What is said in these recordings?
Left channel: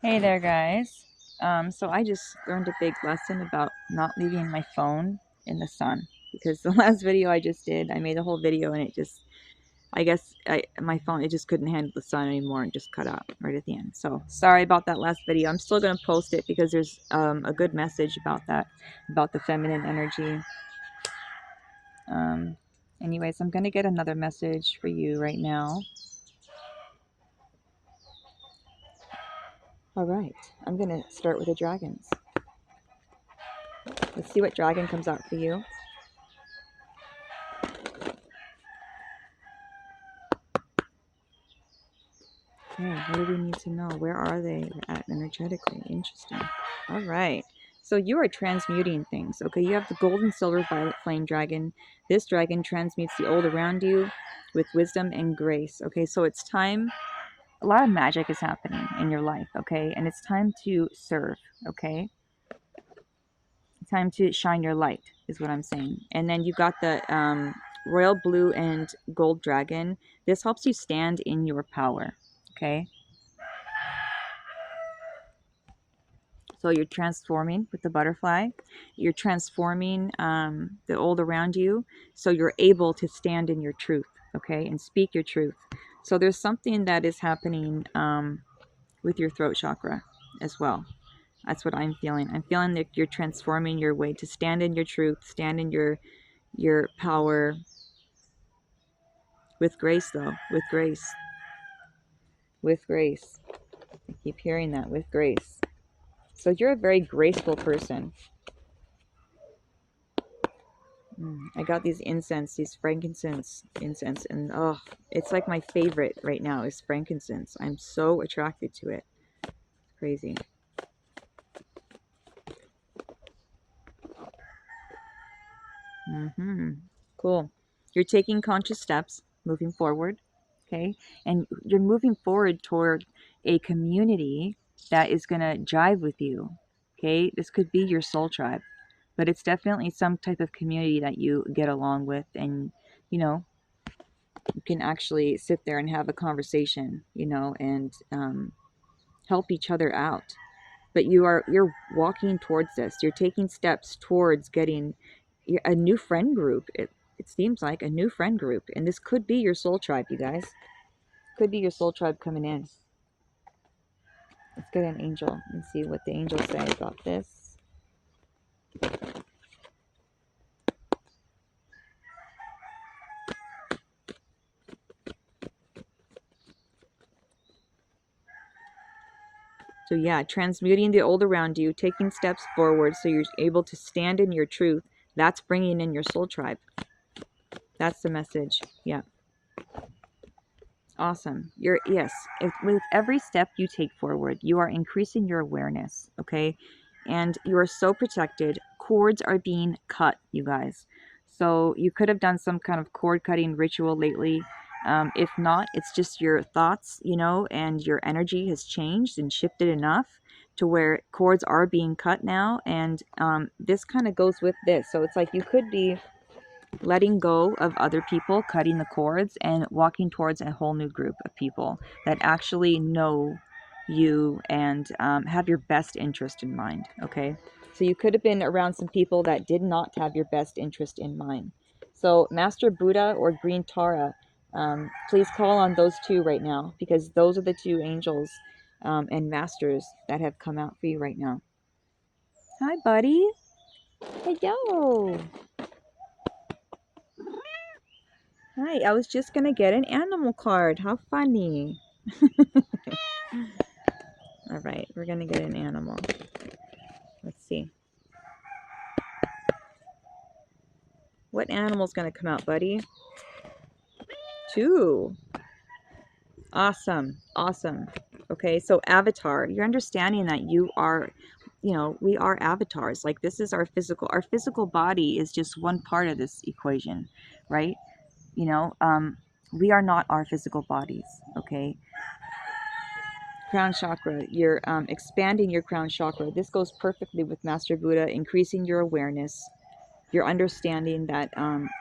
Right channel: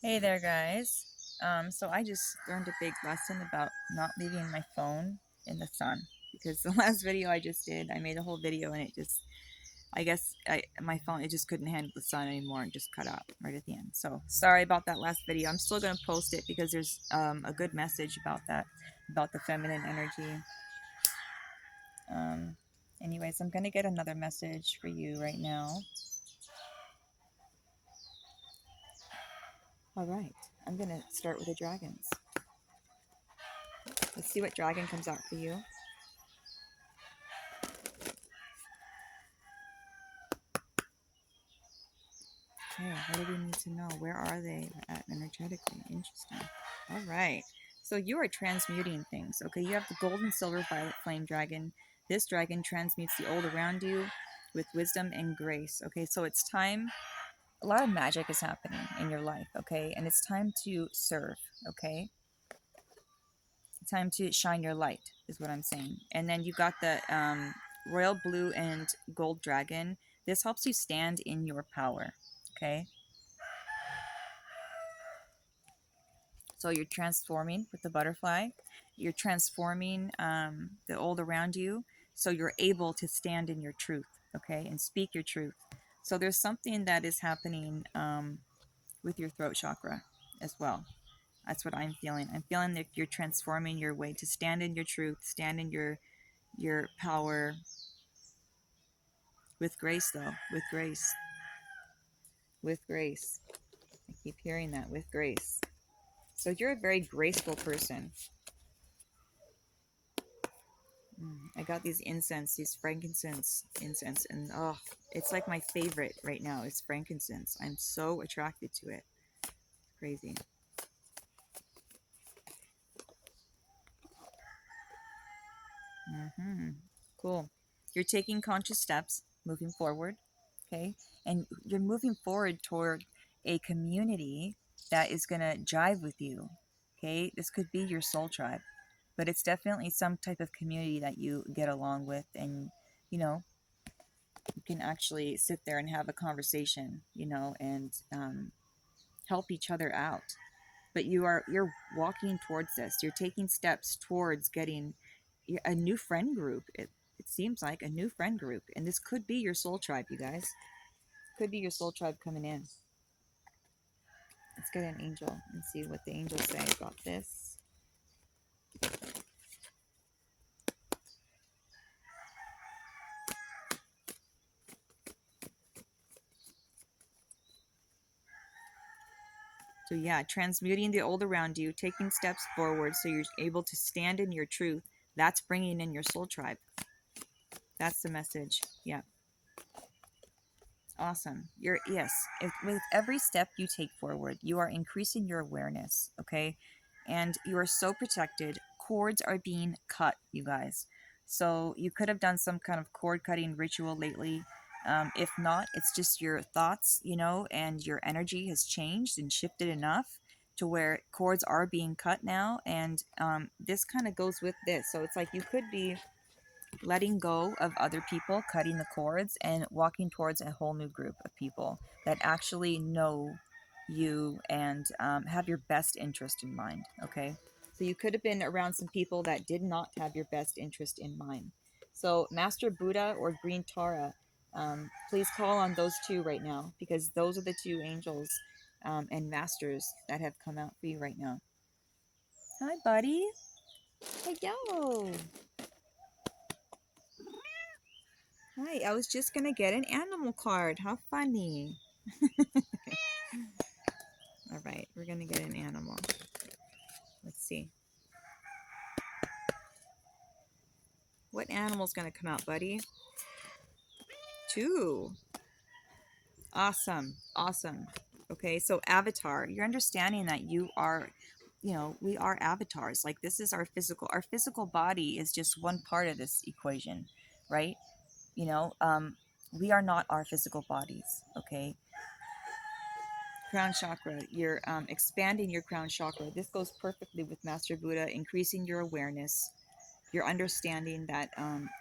Hey there, guys. So I just learned a big lesson about not leaving my phone in the sun because the last video I just did, I made a whole video and it just, I guess my phone, it just couldn't handle the sun anymore and just cut out right at the end. So sorry about that last video. I'm still going to post it because there's a good message about that, about the feminine energy. Um, Anyways, I'm going to get another message for you right now. All right, I'm going to start with the dragons. Let's see what dragon comes out for you. Okay, what do we need to know? Where are they at energetically? Interesting. All right. So you are transmuting things. Okay, you have the gold and silver violet flame dragon. This dragon transmutes the old around you with wisdom and grace. Okay, so it's time. A lot of magic is happening in your life. Okay, and it's time to serve. Okay, it's time to shine your light, is what I'm saying. And then you got the royal blue and gold dragon. This helps you stand in your power. Okay. So you're transforming with the butterfly. You're transforming the old around you. So you're able to stand in your truth, okay, and speak your truth. So there's something that is happening with your throat chakra as well. That's what I'm feeling. I'm feeling that you're transforming your way to stand in your truth, stand in your power with grace, though, with grace, with grace. I keep hearing that, with grace. So you're a very graceful person. I got these incense, these frankincense incense, and oh, it's like my favorite right now is frankincense. I'm so attracted to it. Crazy. Cool. You're taking conscious steps, moving forward, okay? And you're moving forward toward a community that is going to jive with you, okay? This could be your soul tribe, but it's definitely some type of community that you get along with and, you know, you can actually sit there and have a conversation, and help each other out. But you're walking towards this. You're taking steps towards getting a new friend group. It seems like a new friend group, and this could be your soul tribe, you guys. Could be your soul tribe coming in. Let's get an angel and see what the angels say about this. So yeah, transmuting the old around you, taking steps forward so you're able to stand in your truth. That's bringing in your soul tribe. That's the message. Yeah. Awesome. With every step you take forward, you are increasing your awareness, okay? And you are so protected. Cords are being cut, you guys. So you could have done some kind of cord cutting ritual lately. If not, it's just your thoughts, and your energy has changed and shifted enough to where cords are being cut now. And this kind of goes with this. So it's like you could be letting go of other people, cutting the cords, and walking towards a whole new group of people that actually know you and have your best interest in mind. Okay. So you could have been around some people that did not have your best interest in mind. So Master Buddha or Green Tara, please call on those two right now because those are the two angels and masters that have come out for you right now. Hi, buddy. Hey, yo. Hi, I was just gonna get an animal card. How funny. All right, we're gonna get an animal. Let's see. What animal's gonna come out, buddy? Two. Awesome. Awesome. Okay, so avatar, you're understanding that you are, we are avatars. Like this is our physical body is just one part of this equation, right? You know, um, we are not our physical bodies, okay? Crown chakra, you're expanding your crown chakra. This goes perfectly with Master Buddha, increasing your awareness. You're understanding that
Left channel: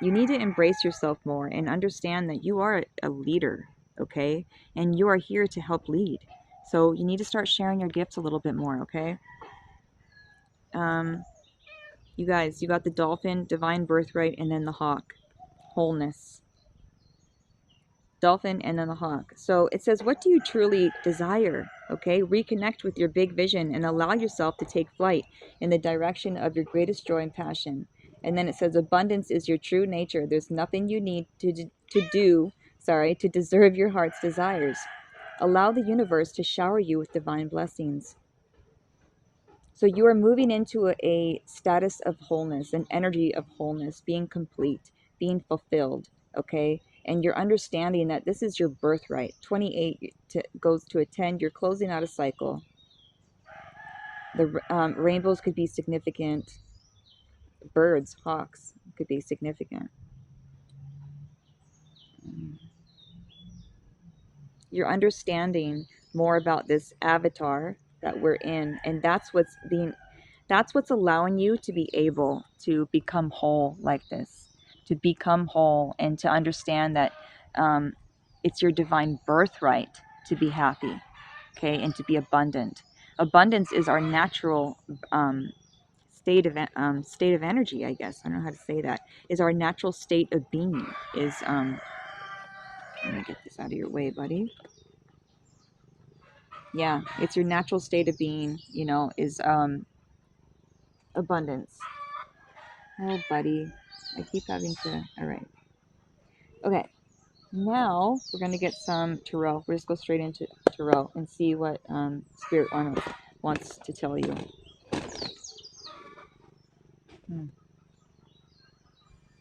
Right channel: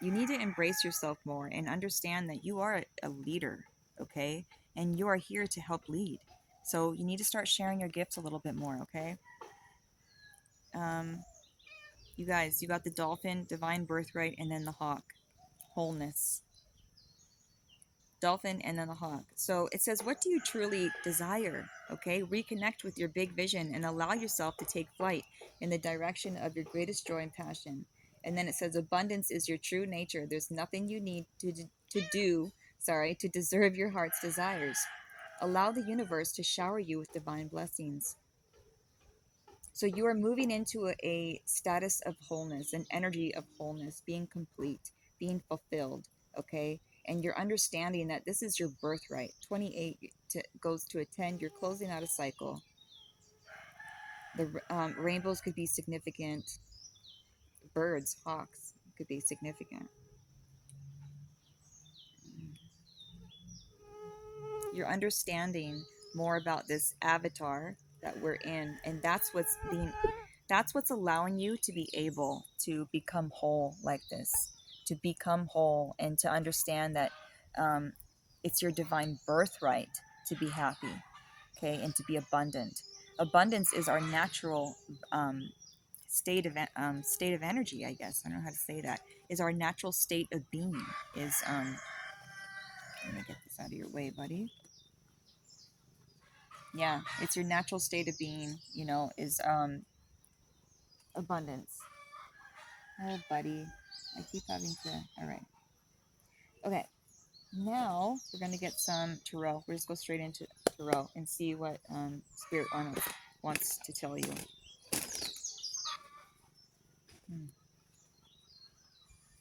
you need to embrace yourself more and understand that you are a leader, okay? And you are here to help lead. So you need to start sharing your gifts a little bit more, okay? You guys, you got the dolphin, divine birthright, and then the hawk, wholeness. Dolphin and then the hawk. So it says, what do you truly desire? Okay, reconnect with your big vision and allow yourself to take flight in the direction of your greatest joy and passion. And then it says, abundance is your true nature. There's nothing you need to deserve your heart's desires. Allow the universe to shower you with divine blessings. So you are moving into a status of wholeness, an energy of wholeness, being complete, being fulfilled, okay? And you're understanding that this is your birthright. 28 goes to a 10. You're closing out a cycle. The rainbows could be significant. Birds, hawks could be significant. You're understanding more about this avatar that we're in, and that's what's allowing you to be able to become whole like this, to become whole and to understand that um, it's your divine birthright to be happy, okay, and to be abundant. Abundance is our natural state of energy, I guess. I don't know how to say that. Is our natural state of being. Is let me get this out of your way, buddy. Yeah, it's your natural state of being, is abundance. Oh, buddy. I keep having to. All right. Okay. Now we're going to get some tarot. We'll just go straight into tarot and see what Spirit wants to tell you.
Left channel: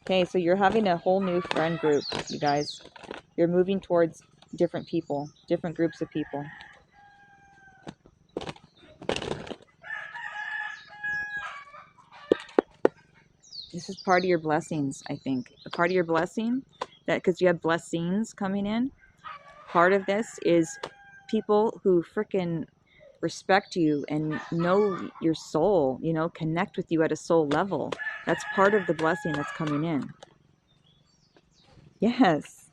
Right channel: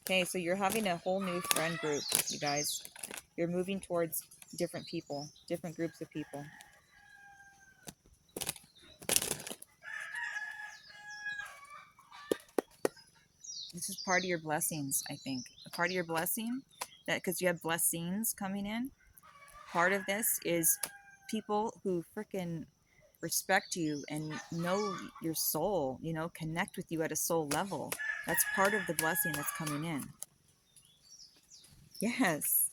Okay, so you're having a whole new friend group, you guys. You're moving towards different people, different groups of people. This is part of your blessings, I think. A part of your blessing, that because you have blessings coming in, part of this is people who freaking respect you and know your soul, connect with you at a soul level. That's part of the blessing that's coming in. Yes.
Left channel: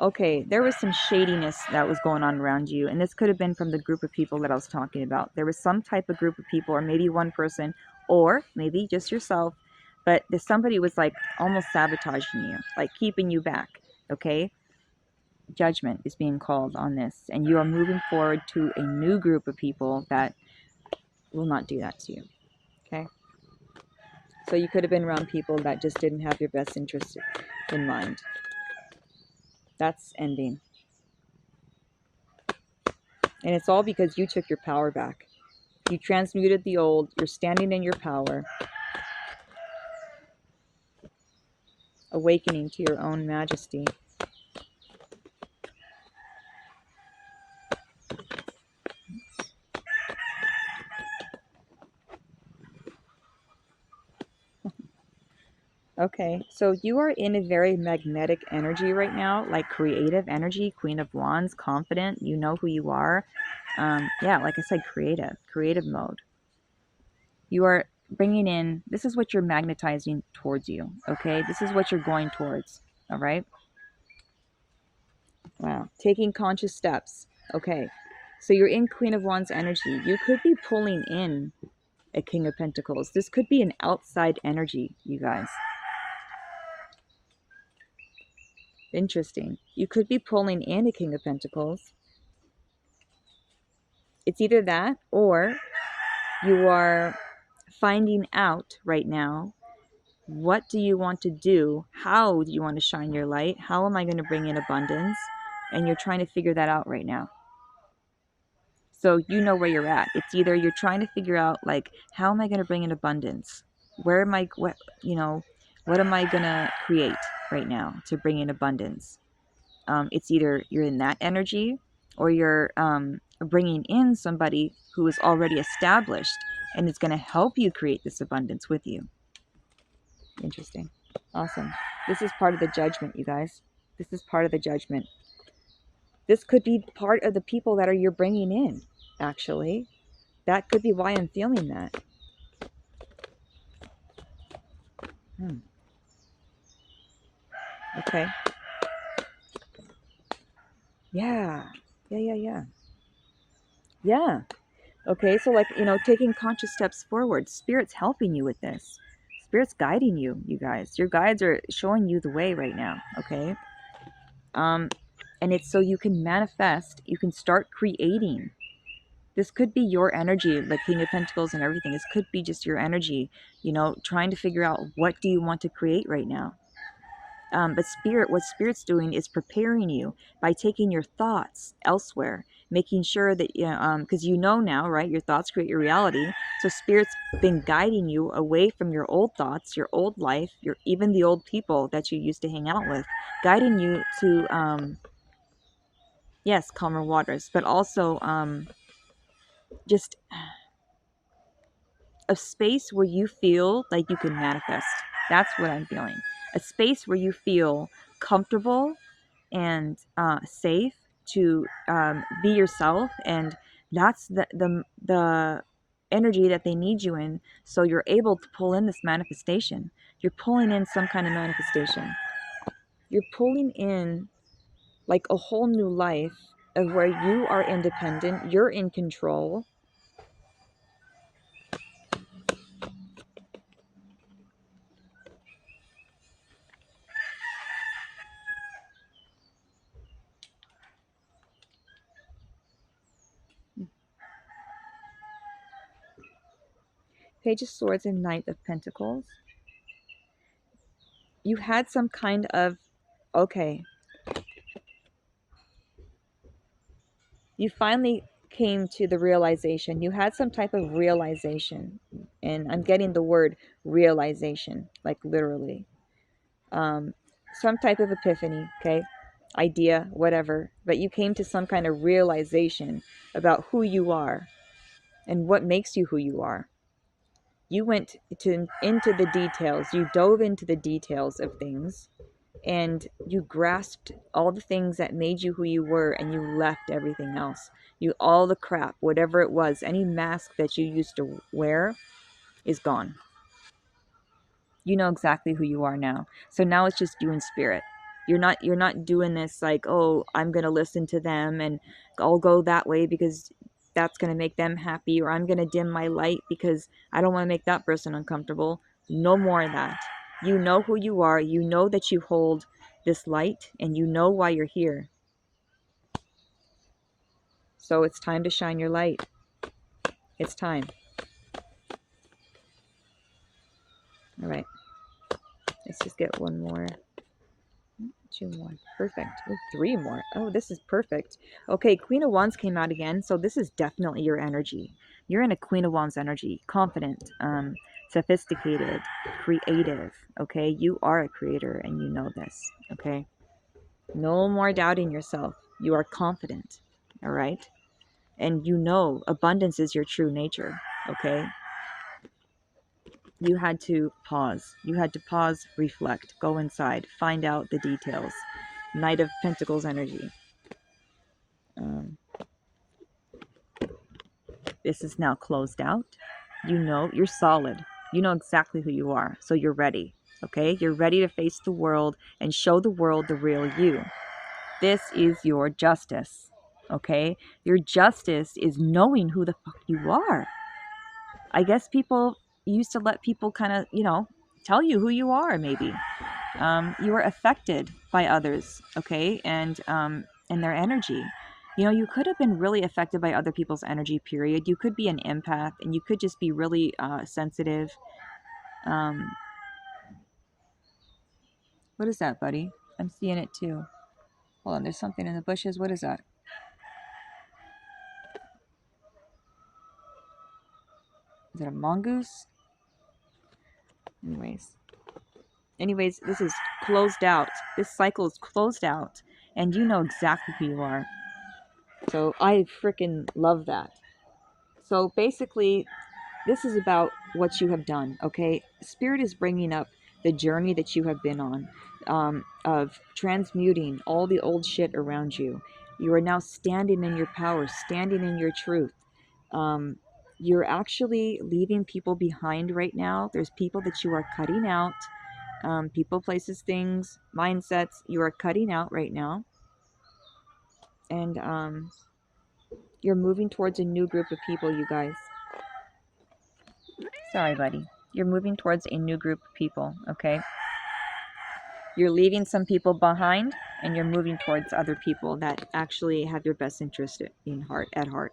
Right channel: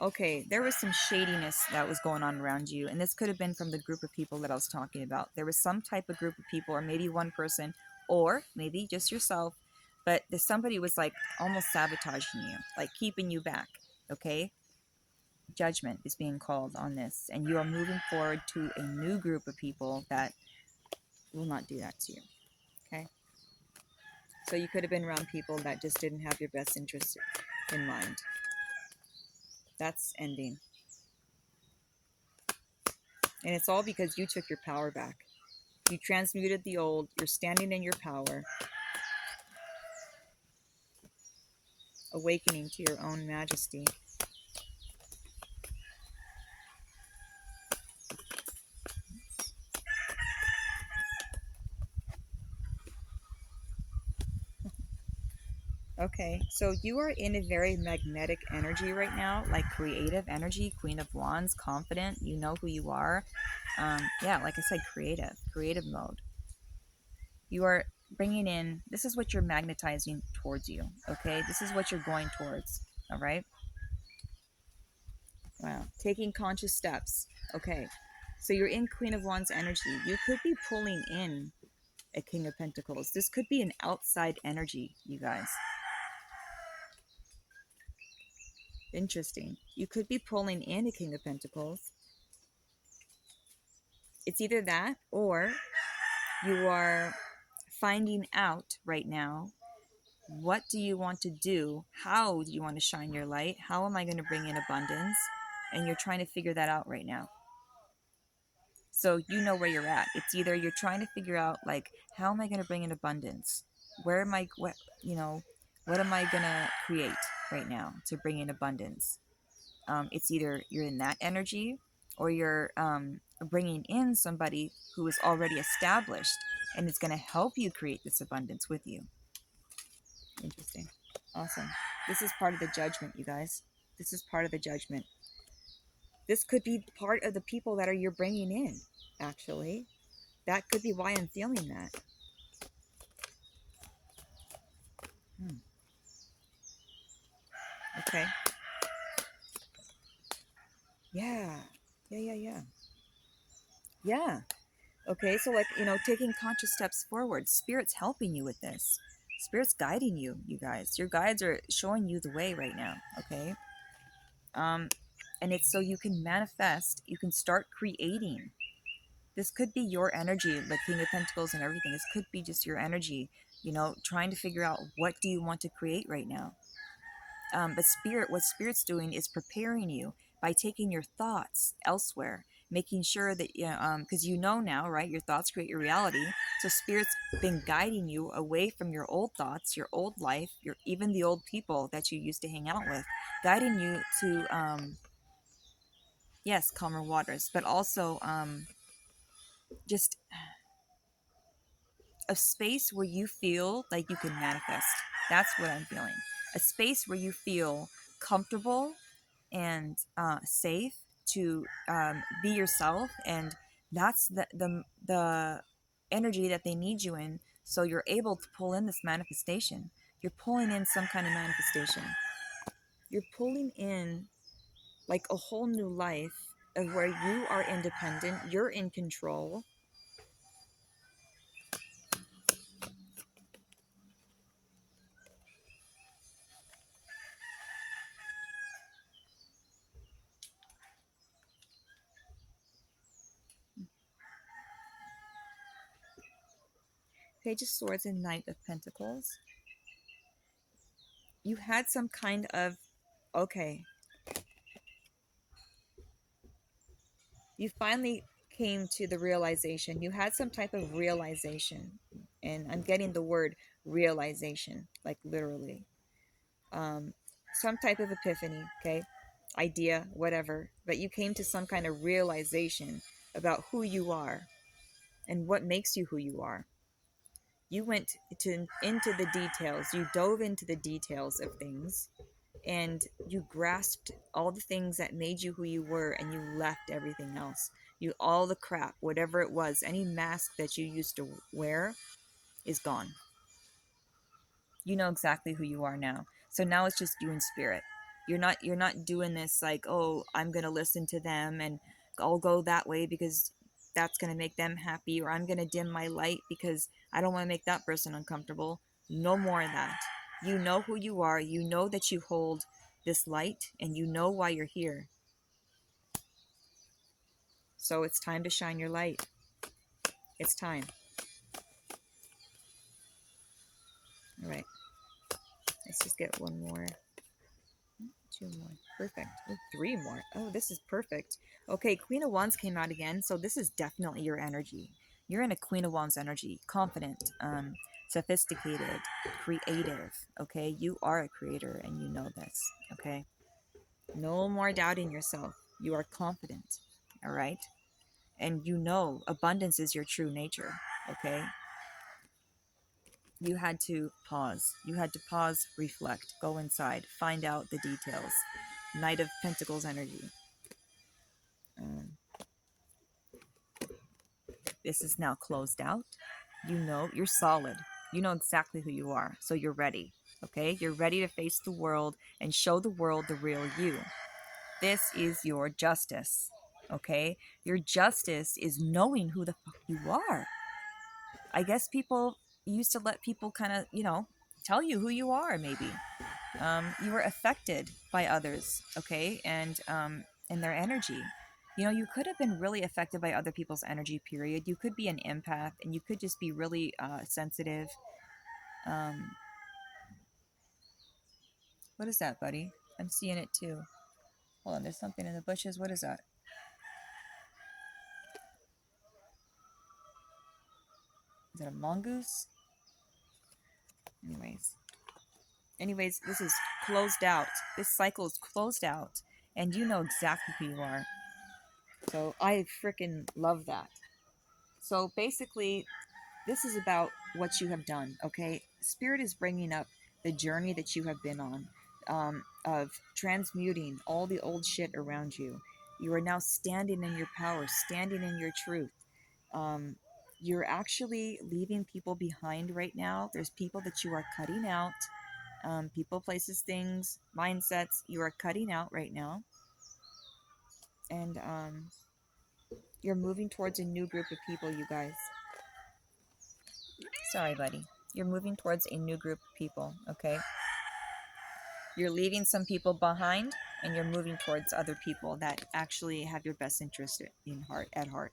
Okay, there was some shadiness that was going on around you, and this could have been from the group of people that I was talking about. There was some type of group of people, or maybe one person, or maybe just yourself, but somebody was like almost sabotaging you, like keeping you back, okay? Judgment is being called on this, and you are moving forward to a new group of people that will not do that to you, okay? So you could have been around people that just didn't have your best interest in mind. That's ending. And it's all because you took your power back. You transmuted the old. You're standing in your power. Awakening to your own majesty. Okay, so you are in a very magnetic energy right now, like creative energy, Queen of Wands, confident, you know who you are. Yeah, like I said, creative mode. You are bringing in, this is what you're magnetizing towards you, okay? This is what you're going towards, all right? Wow, taking conscious steps, okay. So you're in Queen of Wands energy. You could be pulling in a King of Pentacles. This could be an outside energy, you guys. Interesting. You could be pulling in a King of Pentacles. It's either that or you are finding out right now, what do you want to do? How do you want to shine your light? How am I going to bring in abundance? And you're trying to figure that out right now. So you know where you're at. It's either you're trying to figure out, like, how am I going to bring in abundance? Where am I, what am I going to create right now to bring in abundance? It's either you're in that energy or you're bringing in somebody who is already established and is going to help you create this abundance with you. Interesting. Awesome. This is part of the judgment, you guys. This is part of the judgment. This could be part of the people that you're bringing in, actually. That could be why I'm feeling that. Okay. Yeah. Yeah. Yeah. Okay, so like, taking conscious steps forward. Spirit's helping you with this. Spirit's guiding you, you guys. Your guides are showing you the way right now, okay? Um and it's so you can manifest, you can start creating. This could be your energy, like King of Pentacles and everything. This could be just your energy, trying to figure out what do you want to create right now. But what spirit's doing is preparing you by taking your thoughts elsewhere, making sure that, because now, right? Your thoughts create your reality. So spirit's been guiding you away from your old thoughts, your old life, even the old people that you used to hang out with, guiding you to, yes, calmer waters, but also just a space where you feel like you can manifest. That's what I'm feeling. A space where you feel comfortable and safe to be yourself, and that's the energy that they need you in. So you're able to pull in this manifestation. You're pulling in some kind of manifestation. You're pulling in like a whole new life of where you are independent. You're in control. Page of Swords and Knight of Pentacles. You had some kind of, okay, you finally came to the realization. You had some type of realization, and I'm getting the word realization, like literally. Um, some type of epiphany, okay, idea, whatever. But you came to some kind of realization about who you are and what makes you who you are. You went into the details. You dove into the details of things, and you grasped all the things that made you who you were, and you left everything else. All the crap, whatever it was, any mask that you used to wear is gone. You know exactly who you are now. So now it's just you in spirit. You're not doing this like, oh, I'm going to listen to them and I'll go that way because that's going to make them happy, or I'm going to dim my light because I don't want to make that person uncomfortable. No more of that. You know who you are. You know that you hold this light, and you know why you're here. So it's time to shine your light. It's time. All right. Let's just get one more. Two more. Perfect. Oh, three more. Oh, this is perfect. Okay, Queen of Wands came out again, so this is definitely your energy. You're in a Queen of Wands energy. Confident, sophisticated, creative. Okay, you are a creator, and you know this. Okay, no more doubting yourself. You are confident. All right, and you know abundance is your true nature. Okay, you had to pause. You had to pause, reflect, go inside, find out the details. Knight of Pentacles energy. Um, this is now closed out. You know, you're solid. You know exactly who you are. So you're ready. Okay? You're ready to face the world and show the world the real you. This is your justice. Okay? Your justice is knowing who the fuck you are. I guess people used to let people kind of, tell you who you are, maybe. You are affected by others, okay, and their energy. You could have been really affected by other people's energy. Period. You could be an empath, and you could just be really sensitive. Um, what is that, buddy? I'm seeing it too. Hold on, there's something in the bushes. What is that? Is it a mongoose? Anyways, this is closed out. This cycle is closed out, and you know exactly who you are. So I freaking love that. So basically, this is about what you have done, okay? Spirit is bringing up the journey that you have been on, of transmuting all the old shit around you. You are now standing in your power, standing in your truth. Um, you're actually leaving people behind right now. There's people that you are cutting out, people, places, things, mindsets you are cutting out right now. And You're moving towards a new group of people, you guys. Sorry, buddy. You're moving towards a new group of people, okay? You're leaving some people behind and you're moving towards other people that actually have your best interest at heart.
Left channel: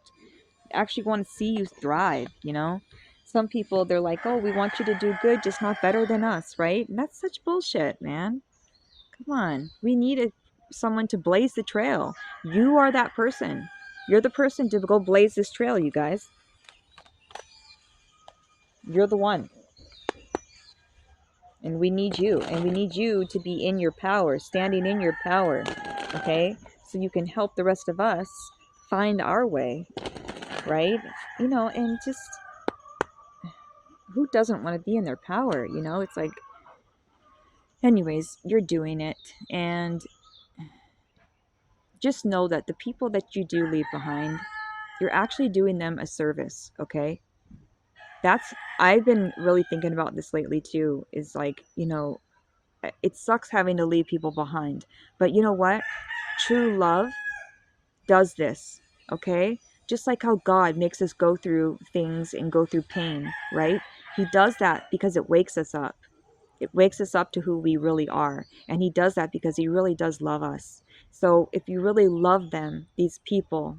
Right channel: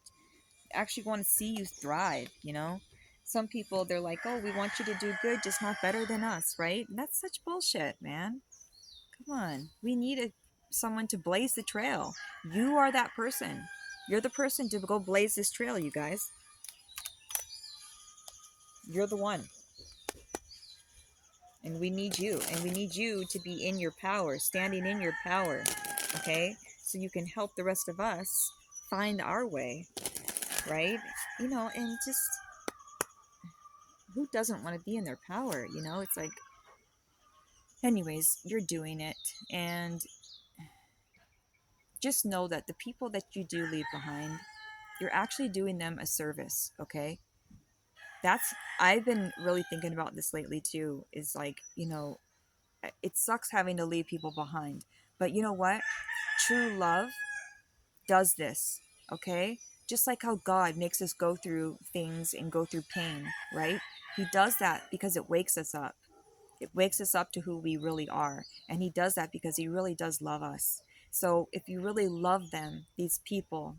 Actually want to see you thrive, you know? Some people, they're like, oh, we want you to do good, just not better than us, right? And that's such bullshit, man. Come on. We need someone to blaze the trail. You are that person. You're the person to go blaze this trail, you guys. You're the one. And we need you. And we need you to be in your power, standing in your power. Okay? So you can help the rest of us find our way. Right? You know, and just who doesn't want to be in their power? You know, it's like, anyways, you're doing it. And just know that the people that you do leave behind, you're actually doing them a service. Okay? I've been really thinking about this lately too, is like, you know, it sucks having to leave people behind, but you know what, true love does this. Okay, just like how God makes us go through things and go through pain, right? He does that because it wakes us up. It wakes us up to who we really are, and he does that because he really does love us. So if you really love them, these people,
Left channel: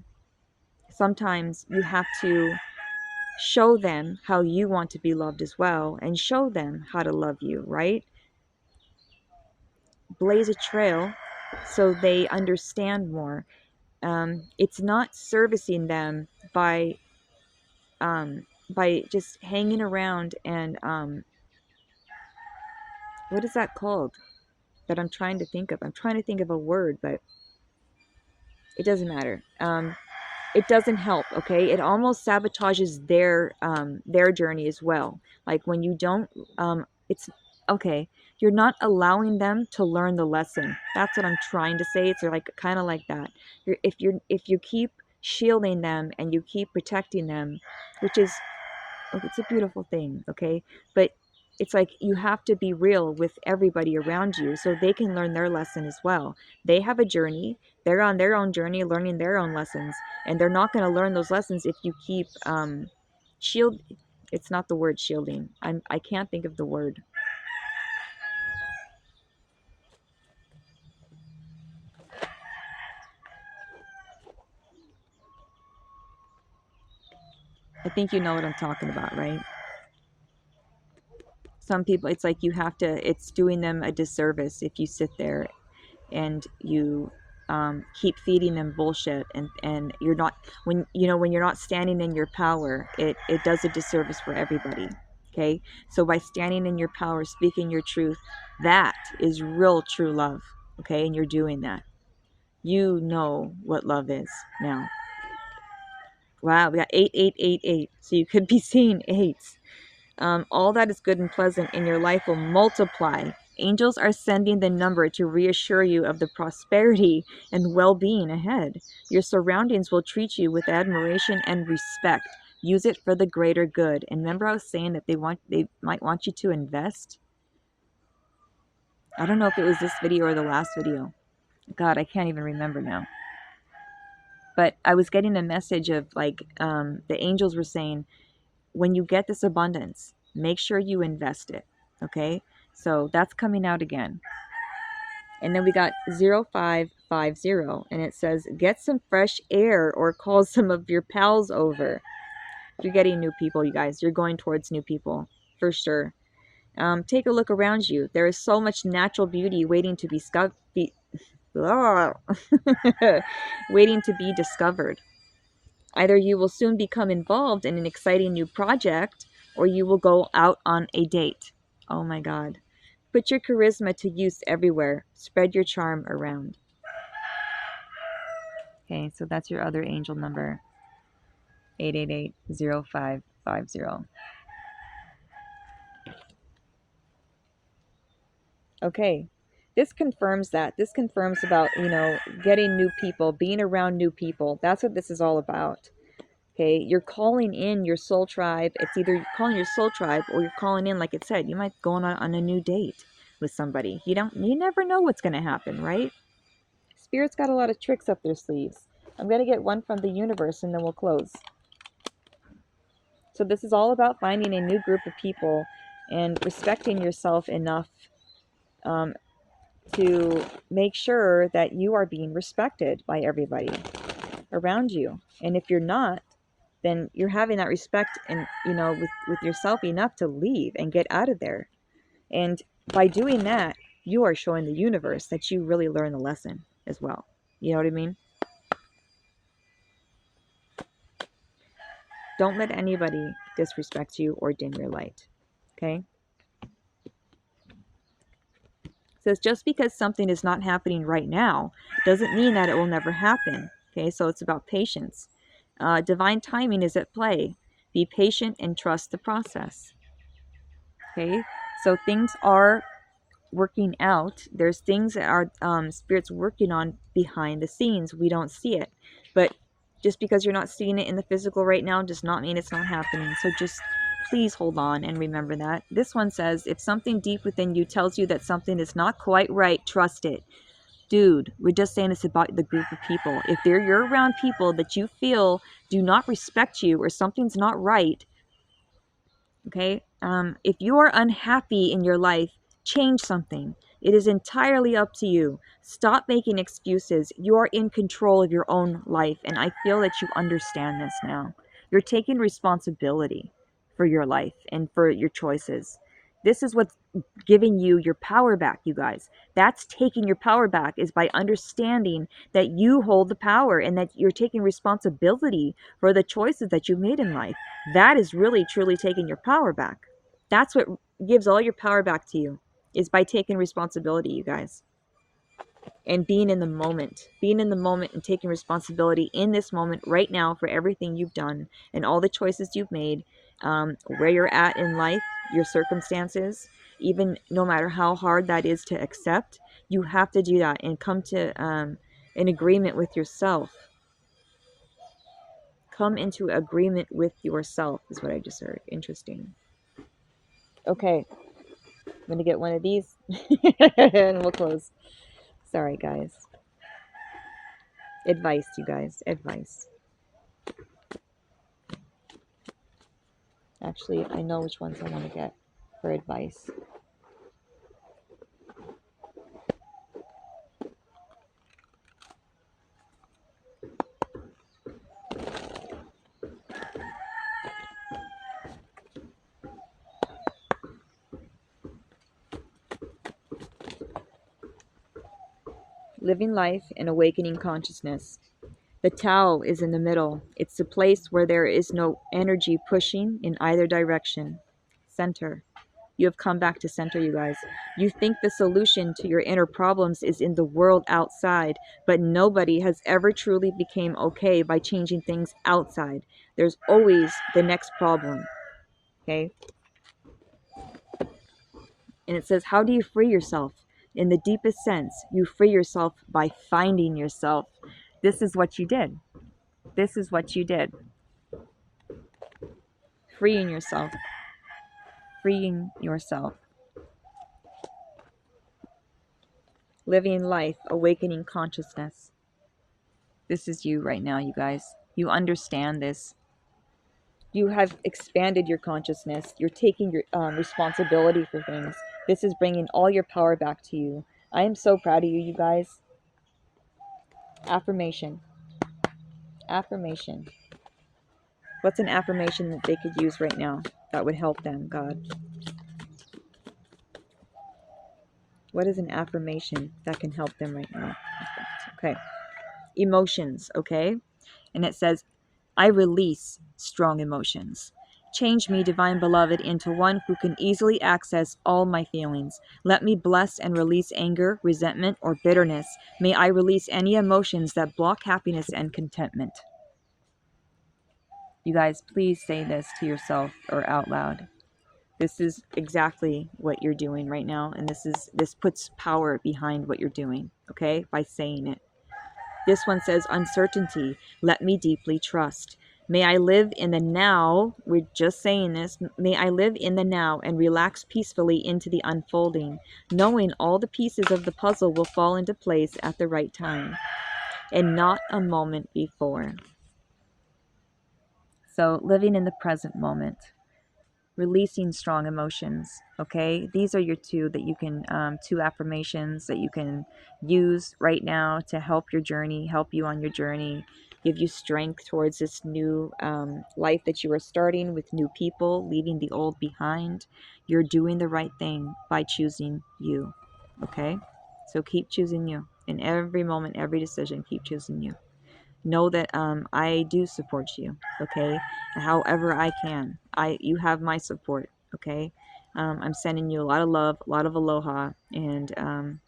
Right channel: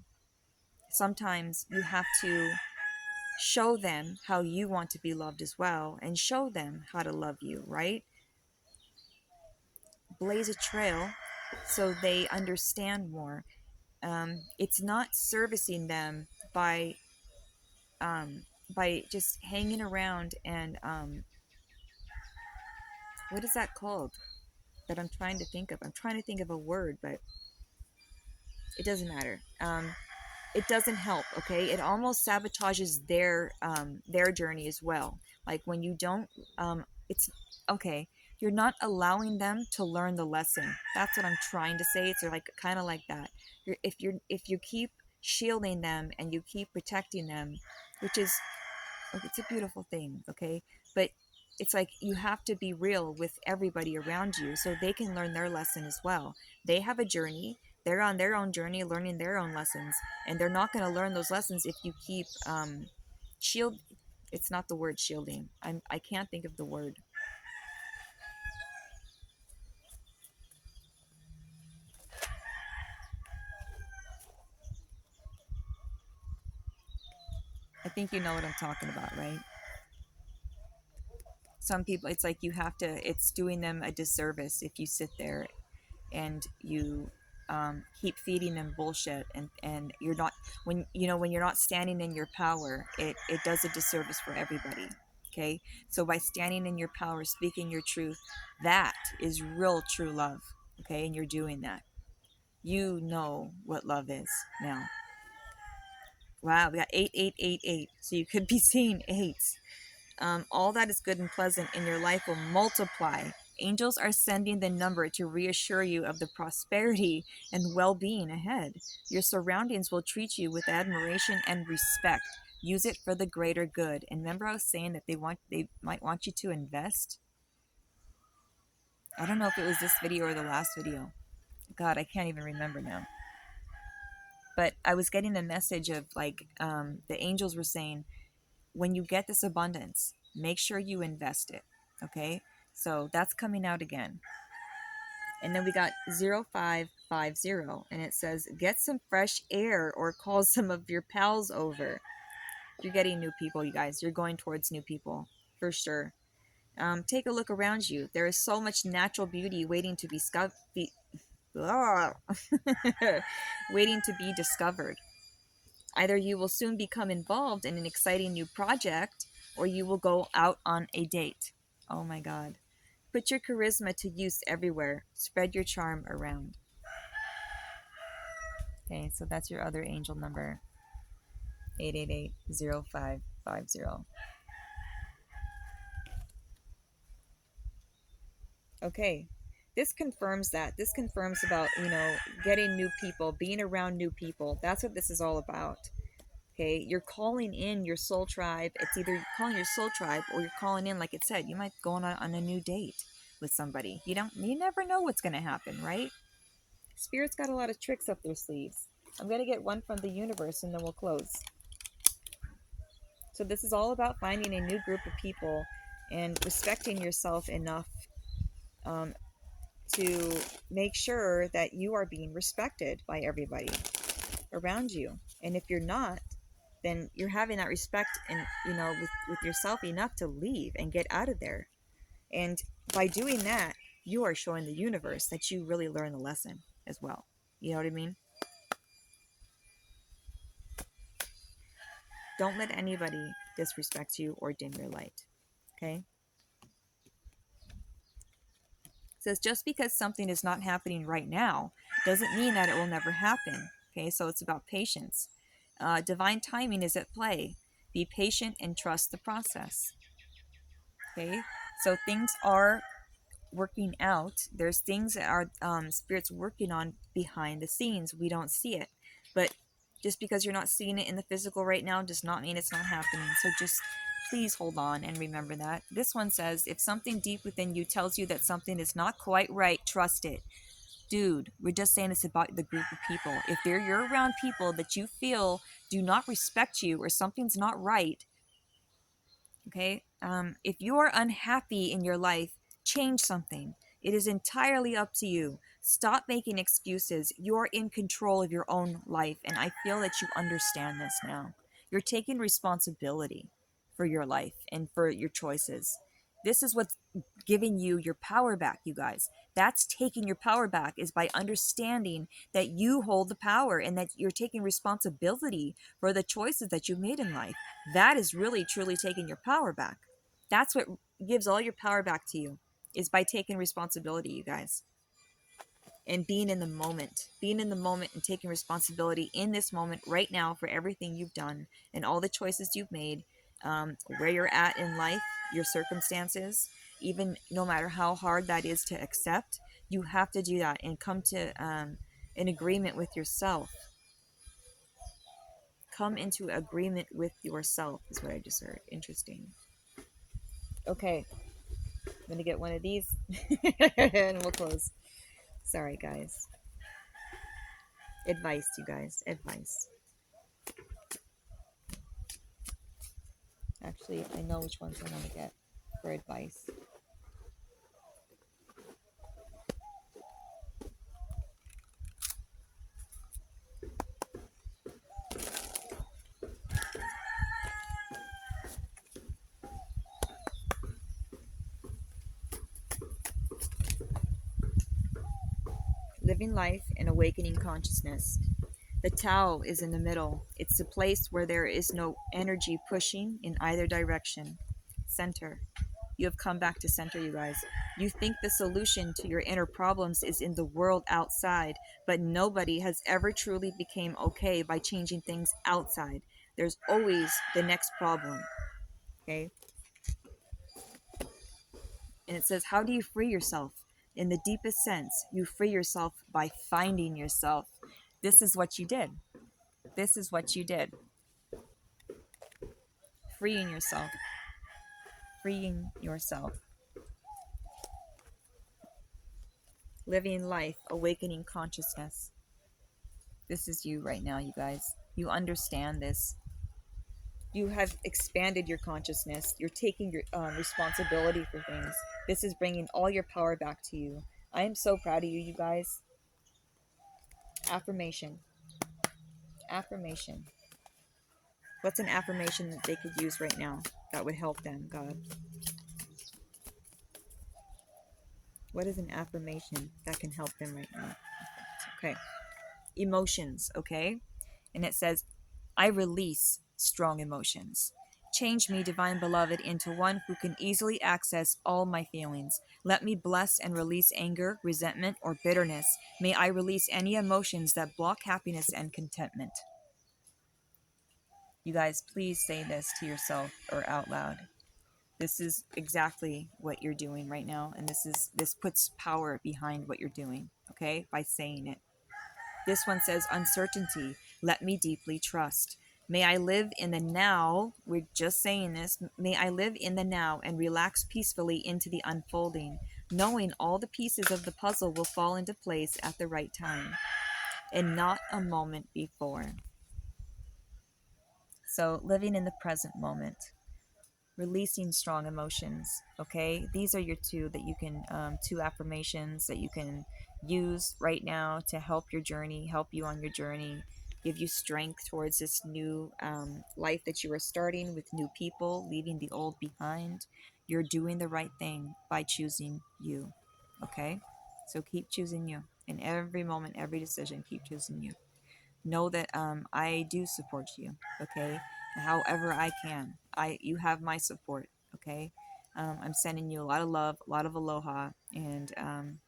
sometimes you have to show them how you want to be loved as well, and show them how to love you, right? Blaze a trail so they understand more. It's not servicing them by just hanging around and what is that called that I'm trying to think of? I'm trying to think of a word, but it doesn't matter. It doesn't help. Okay, it almost sabotages their journey as well. Like when you don't, it's okay. You're not allowing them to learn the lesson. That's what I'm trying to say. It's like kind of like that. If you keep shielding them and you keep protecting them, which is, it's a beautiful thing, okay, but it's like you have to be real with everybody around you so they can learn their lesson as well. They have a journey, they're on their own journey learning their own lessons, and they're not going to learn those lessons if you keep shield it's not the word shielding. I can't think of the word. I think you know what I'm talking about, right? Some people, it's like you have to, it's doing them a disservice if you sit there and you keep feeding them bullshit, and you're not, when you know, when you're not standing in your power, it does a disservice for everybody. Okay, so by standing in your power, speaking your truth, that is real true love. Okay, and you're doing that. You know what love is now. Wow, we got 8888, so you could be seeing eights. All that is good and pleasant in your life will multiply. Angels are sending the number to reassure you of the prosperity and well being ahead. Your surroundings will treat you with admiration and respect. Use it for the greater good. And remember, I was saying that they might want you to invest? I don't know if it was this video or the last video. God, I can't even remember now. But I was getting a message of like the angels were saying, when you get this abundance, make sure you invest it. Okay, so that's coming out again. And then we got 0550, and it says get some fresh air or call some of your pals over. You're getting new people, you guys. You're going towards new people for sure. Take a look around you. There is so much natural beauty waiting to be waiting to be discovered. Either you will soon become involved in an exciting new project, or you will go out on a date. Oh my God. Put your charisma to use everywhere. Spread your charm around. Okay, so that's your other angel number, 888-0550. Okay, this confirms that. This confirms about, you know, getting new people, being around new people. That's what this is all about. Okay, you're calling in your soul tribe. It's either you're calling your soul tribe or you're calling in, like it said, you might go on a new date with somebody. You never know what's going to happen, right? Spirit's got a lot of tricks up their sleeves. I'm going to get one from the universe and then we'll close. So this is all about finding a new group of people and respecting yourself enough to make sure that you are being respected by everybody around you. And if you're not, then you're having that respect and with yourself enough to leave and get out of there. And by doing that, you are showing the universe that you really learned the lesson as well. You know what I mean? Don't let anybody disrespect you or dim your light. Okay? So it's just because something is not happening right now doesn't mean that it will never happen. Okay? So it's about patience. Divine timing is at play. Be patient and trust the process. Okay? So things are working out. There's things that our spirit's working on behind the scenes. We don't see it. But just because you're not seeing it in the physical right now does not mean it's not happening. So just please hold on and remember that. This one says, if something deep within you tells you that something is not quite right, trust it. Dude, we're just saying this about the group of people. If you're around people that you feel do not respect you or something's not right, okay? If you're unhappy in your life, change something. It is entirely up to you. Stop making excuses. You are in control of your own life, and I feel that you understand this now. You're taking responsibility for your life and for your choices. This is what's giving you your power back, you guys. That's taking your power back, is by understanding that you hold the power and that you're taking responsibility for the choices that you made in life. That is really truly taking your power back. That's what gives all your power back to you, is by taking responsibility, you guys, and being in the moment and taking responsibility in this moment right now for everything you've done and all the choices you've made, where you're at in life, your circumstances, even no matter how hard that is to accept. You have to do that and come to an agreement with yourself. Come into agreement with yourself is what I just heard. Interesting. Okay, I'm gonna get one of these and we'll close. Sorry, guys. Advice, you guys. Advice. Actually, I know which ones I want to get for advice. Living life and awakening consciousness. The Tao is in the middle. It's the place where there is no energy pushing in either direction. Center. You have come back to center, you guys. You think the solution to your inner problems is in the world outside, but nobody has ever truly became okay by changing things outside. There's always the next problem. Okay? And it says, how do you free yourself? In the deepest sense, you free yourself by finding yourself. This is what you did. This is what you did. Freeing yourself. Freeing yourself. Living life, awakening consciousness. This is you right now, you guys. You understand this. You have expanded your consciousness. You're taking your responsibility for things. This is bringing all your power back to you. I am so proud of you, you guys. Affirmation. Affirmation. What's an affirmation that they could use right now that would help them, God? What is an affirmation that can help them right now? Okay. Emotions, okay? And it says, I release strong emotions. Change me, divine beloved, into one who can easily access all my feelings. Let me bless and release anger, resentment, or bitterness. May I release any emotions that block happiness and contentment. You guys, please say this to yourself or out loud. This is exactly what you're doing right now, and this puts power behind what you're doing, okay? By saying it. This one says, uncertainty, let me deeply trust. May I live in the now. We're just saying this. May I live in the now and relax peacefully into the unfolding, knowing all the pieces of the puzzle will fall into place at the right time. and not a moment before. So living in the present moment, releasing strong emotions. Okay, these are your two that you can two affirmations that you can use right now to help your journey, help you on your journey, give you strength towards this new life that you are starting with new people, leaving the old behind. You're doing the right thing by choosing you. Okay, so keep choosing you in every moment, every decision. Keep choosing you. Know that I do support you, okay? However I can. You have my support, okay? I'm sending you a lot of love, a lot of aloha, and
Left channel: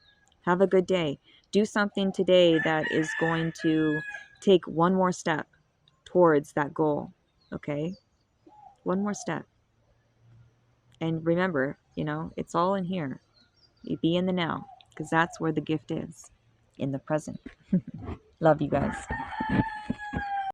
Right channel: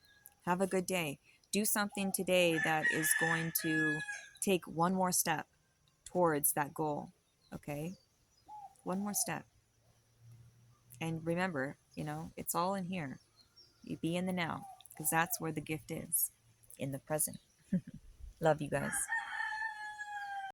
have a good day. Do something today that is going to take one more step towards that goal, okay? One more step. And remember, it's all in here. You be in the now, because that's where the gift is, in the present. Love you guys.